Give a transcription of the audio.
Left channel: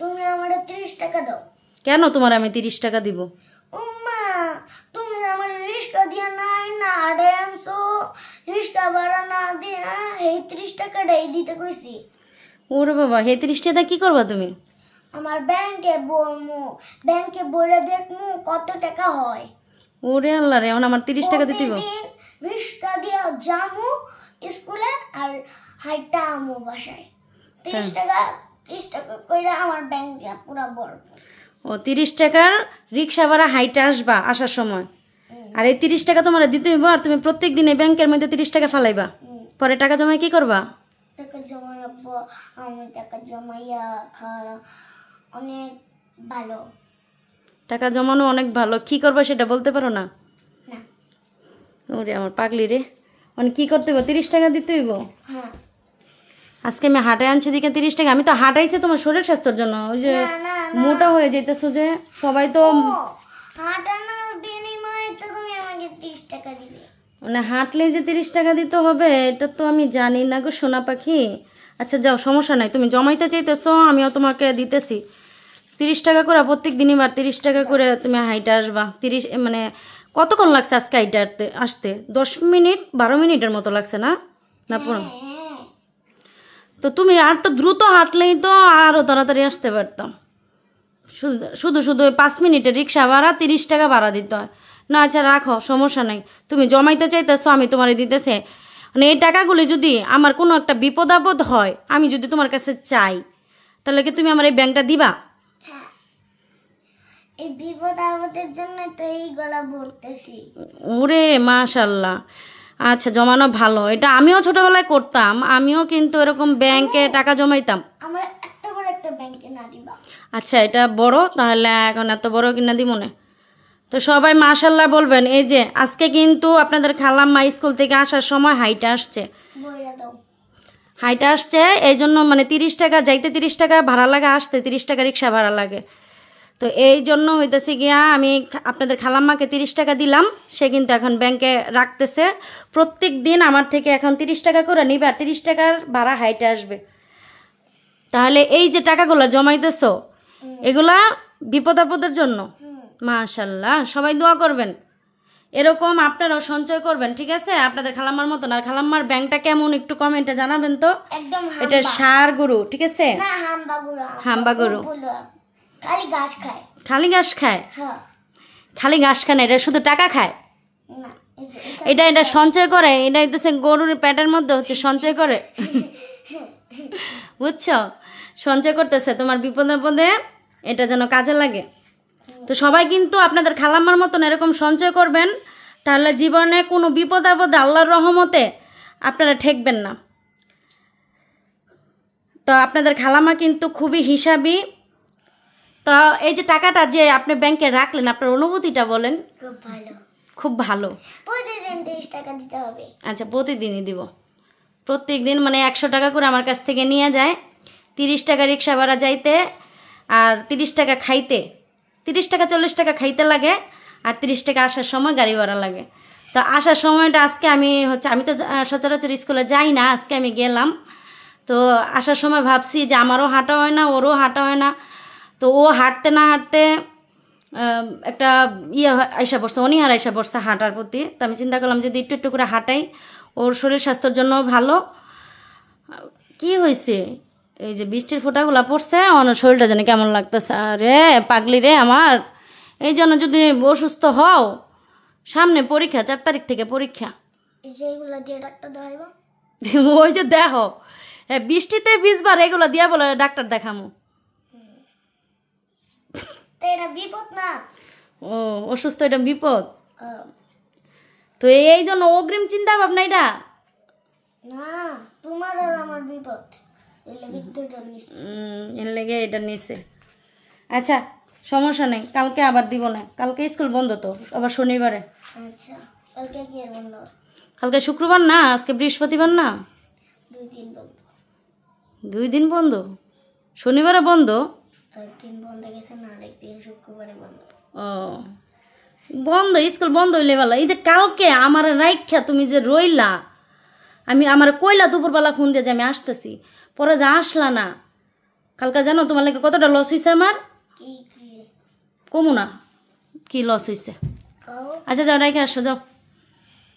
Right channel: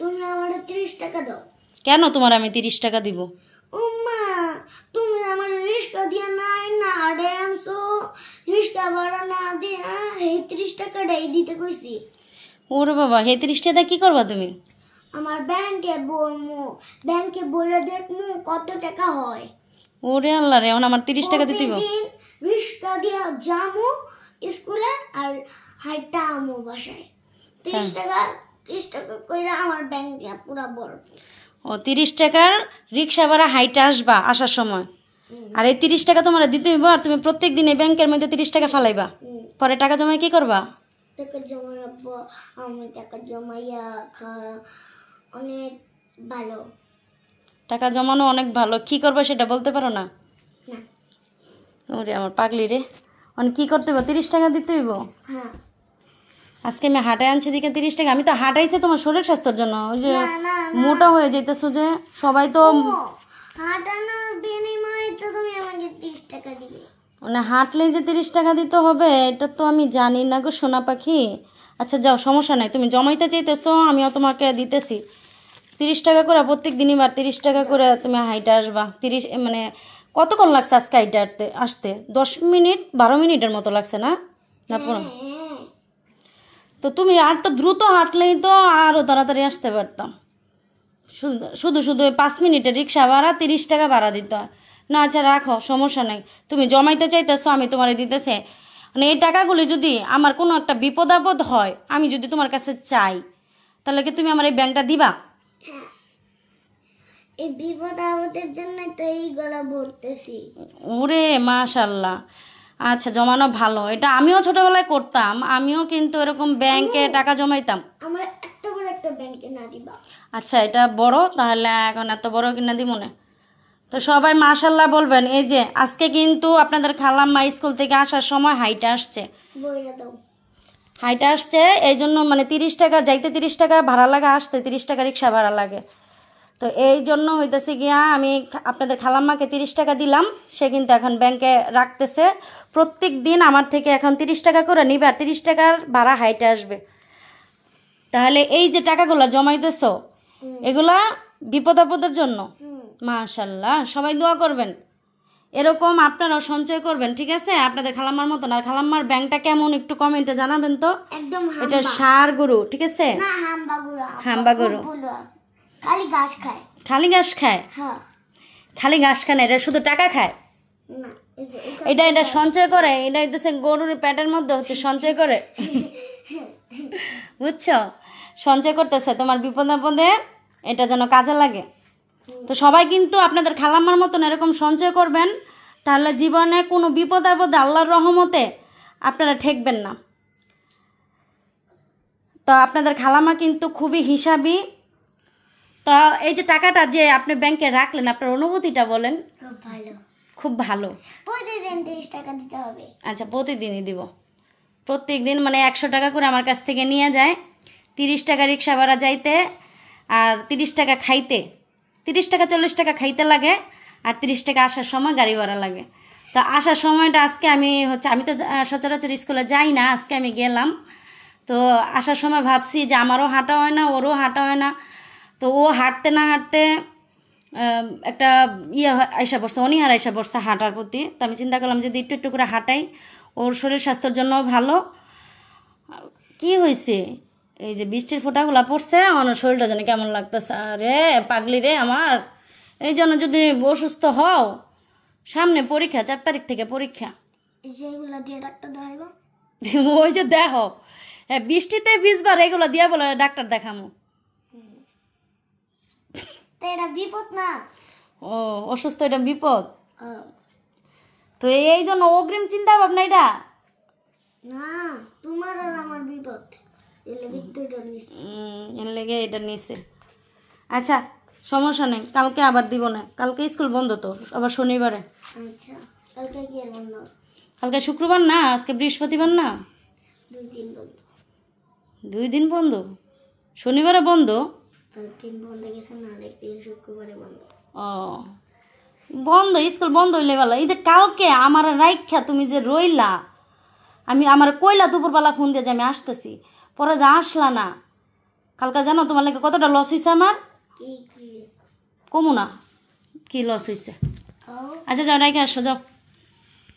তুমি আমারে 30 টাকা দাও। কেন তোমার আমি 30 টাকা দিব? উম্মা তুমি আমার রিস্কা দিয়া নাই না আড়ে আনছো, রিস্কা ভাড়া না দিয়া এই 30 টাকাটাই দিতে কইছি। ওরে বাবা, হে 30 টাকা কি করবা তুমি? আমার ব্যাংকে বইরা দেখমু কত টাকা হয়। ওরে আল্লাহ রে, এখন আমার 30 টাকা দিতে হইব। রিস্কা দিয়া যামু স্কুলে আর হাইটা আমু বাসায়। 30 টাকা কইরা আমার ব্যাংক যা পুরা বড়। ও 30 টাকার রিক্সা ভাড়া হাইটে আসবা আসার সময়, আর এই 30 টাকা তোমার দিতে হইব। আর তুমি প্রত্যেক দিন এই ব্যাংকের মধ্যে 30 টাকা ফালাইবা, পরে টাকা জমায় কি করবা? টাকা জমাইবো আমি, টাকা জমাইয়া খাওয়া অনেক ভালো। টাকা জমানো অনেক ভালো, কি করবা সেটা বলতে পারো না? না। ওরে আমার পাগলি রে, অনেক কি করতে হইব? 30 টাকা দিতে হইব। হ্যাঁ, আজকে আমি হাঁটায় আনছি দিকে 30 টাকা। আমি তো হাঁটাইছি তোমার শরীর স্বাস্থ্যের জন্য, ওই যে মোটা হয়ে যেতেছো যে, সবাই তো হাঁটানোর বিনিময়ে তো তুমি আমাকে 30 টাকা দিবে। মানে হাঁটলেই যে 30 টাকা দিতে হবে এটা তো আমি জানি না গো সোনা পাখি। আচ্ছা যাও, সমস্যা নাই, তুমি জমাইতে চাইতেছো, আমিও তোমাকে দিতেছি 30 টাকা করে প্রত্যেক দিনই। বার 30 টাকা করে তুমি হাইটে আসবা। 30 মানে কতক্ষণ লাগছে আজকে হাইটে আসতে? 10 মিনিট 12 মিনিটের মতো লাগছে না? না পড়ো তো তুমি আর তো দ্রুত হাঁটলেই তো আরও তাড়াতাড়ি আসতে পারতাম। শুধু শুধু 5 মিনিটের রিক্সা ভাড়া 30 টাকা ভাড়া দিতে হয় না। আচ্ছা রাখো, সমস্যা নেই, তুমি জমাইতে চাইতেছো, আমি তোমারে দিতেছে। মানে এই টাকাগুলি যদি আমার কোনো একটা বিপদ আপদ হয়, আমি যদি তোমার কাছে চাই, তাহলে কি তুমি আমার এই ব্যাংকটা দিবা? এই বিপদ আমাদের জন্য তো এই গলা ভরতেছি। ওরে মাশাল্লাহ, আচ্ছা জমানো ভালো, এটা আমিও ছোটবেলায় করতাম। আমিও কিন্তু এরকম ব্যাংকে টাকা জমাইতাম। আমার এত বড় একটা ব্যাংকে না দিবা? আচ্ছা এটা বড়, তাহলে এখন এত বড় কিনা দিব না। তো সবাই মাশাল্লাহ বলবেন। এই যে আজকে কিন্তু আপনাদের খালাম্মা স্কুল থেকে আসার সময় হাইটে আসছে, হাইটে আসছে। এই জন্য মানে 30 টাকা যাইতে 30 টাকা ভাড়া লাগে, আসতে 30 টাকা রিক্সা ভাড়া লাগে। তো এই জন্য হইতেছে গিয়া আমি আপনাদের খালাম্মাকে 30 টাকা দিলাম, সে কিন্তু এখন ব্যাংকে রাখতেছে। প্রত্যেক দিন আমার থেকে এখন 30 টাকা করে নিবে, আর 30 টাকার ভাড়া হাইটে আসবে। তাহলে এই যে টাকাগুলো জমাইতেছো, এগুলা বিপদ আপদের জন্য। মাশাল্লাহ, সবাই দোয়া করবেন, এরকম আপনারাও সঞ্চয় করবেন, ঠিক আছে? আপনাদের খালাম্মার মতন। আর খালাম্মার ব্যাংকটা কেমন একটু কমেন্টে জানাবেন তো। একদম এটা ষাঁড় গরু, ঠিক আছে? না, হাম্বা গরু। হাম্বা গরু খালি ঘাস খায়। খালি ঘাস খায়? হ্যাঁ, খালি ঘাস খায় না, এটা শুধু টাকা খায়। না এটা সঞ্চয় করে, এটা হইতেছে গরুর পেটের মধ্যে হচ্ছে সঞ্চয় করে, বুঝছো? সঞ্চয় করতেছে তোমার বিপদ আপদে, এটা যেন কাজে লাগে। তো সবাই কিন্তু আপনাদের খালাম্মার মতন এরকম সঞ্চয় করবেন, তাহলে জীবনে কোনো বিপদ আপদে আল্লাহর রহমতে আপনারা ঠেকবেন না। তো আপনাদের খালাম্মা কিন্তু খুবই হিসাবি। তো এই যে টাকাটা যে আপনি ব্যাংকে রাখলেন, আপনার অনুভূতিটা বলেন। খুব ভালো, খুব ভালো। প্রতিদিন 30 টাকা দিতে হবে? আচ্ছা প্রতিদিনই দিব, প্রত্যেক দিন মানে 100 টাকা করে আমার কাছ থেকে নিয়ে যায়। 30 টাকা রিক্সা ভাড়া যাইতে, আর 30 টাকা খাইতে, 30 টাকা 40 টাকা খাইতে লাগে, আর 30 টাকা আসার সময় গাড়ি ভাড়া লাগে। তো আসার সময়টা আজকে আমি তো সচরাচর স্কুলে যাই না, আজকে আমি গেলাম। তো আসার সময় ভাবছি যে আমারও হাঁটা হয় না, ওরও হাঁটা হয় না। তো ও হাঁটতে না হাঁটতে একটা আইসা পড়ছে, অনীহার আইসা পড়ছে হাঁটার প্রতি। তো আমি চিন্তা করলাম যদি একটু একটু করে হাঁটাই, ওর শরীর স্বাস্থ্যের জন্য ভালো। কি হয়েছে, এই যে বৃষ্টির ফোঁটাগুলা পড়ছে, আমার শরীরটা যেন কেমন লাগতেছে। আরে পাগলি রে আমার, এই জন্য যদি অসুস্থ হও, সামনে পরীক্ষা, 4 তারিখ থেকে পরীক্ষা, যেগুলো দিয়ে ডাক্তার দেখাইবো। ওই যে দেখো, হ্যাঁ বৃষ্টিতে ভিজবার, এগুলো দিয়া বলে ডাক্তার দেখামো। এটা বিপদ না? ও অসুস্থ, এটা বিপদ। তো এই জন্য অগ্রিম চিন্তা ভাবনা এটা না, তোমার আর আমার বিপদ, এর লেগে এটা নিছে। আচ্ছা সমস্যা নেই, কালকে আবার দিব না, কালকে স্কুল বন্ধ তো, আবার শনিবারে। আচ্ছা কালকে কি বন্ধ? কালকে শুক্রবার না, আজকে বৃহস্পতিবার না, 2 দিন বন্ধ। 2 দিন বন্ধ, শনিবারে বন্ধ, 3 বন্ধ গেছে না, 3 শুক্রবারে বন্ধ। ও বন্ধ, স্কুল বন্ধ হইলে ভালো। এই যে কালকে আমার রাইখা তুমি যে রইলা, আমার কইলা দুপুরবেলা ফোন দিয়ে যে আমি আসতেছি, পরে যে আসলা না, কালকে জানো তোমার লাগে কতটা লস হয়েছে আমার? কি কি কমু না কি লস হয়েছে। কও আচ্ছা যাও রেখে আসো যাও।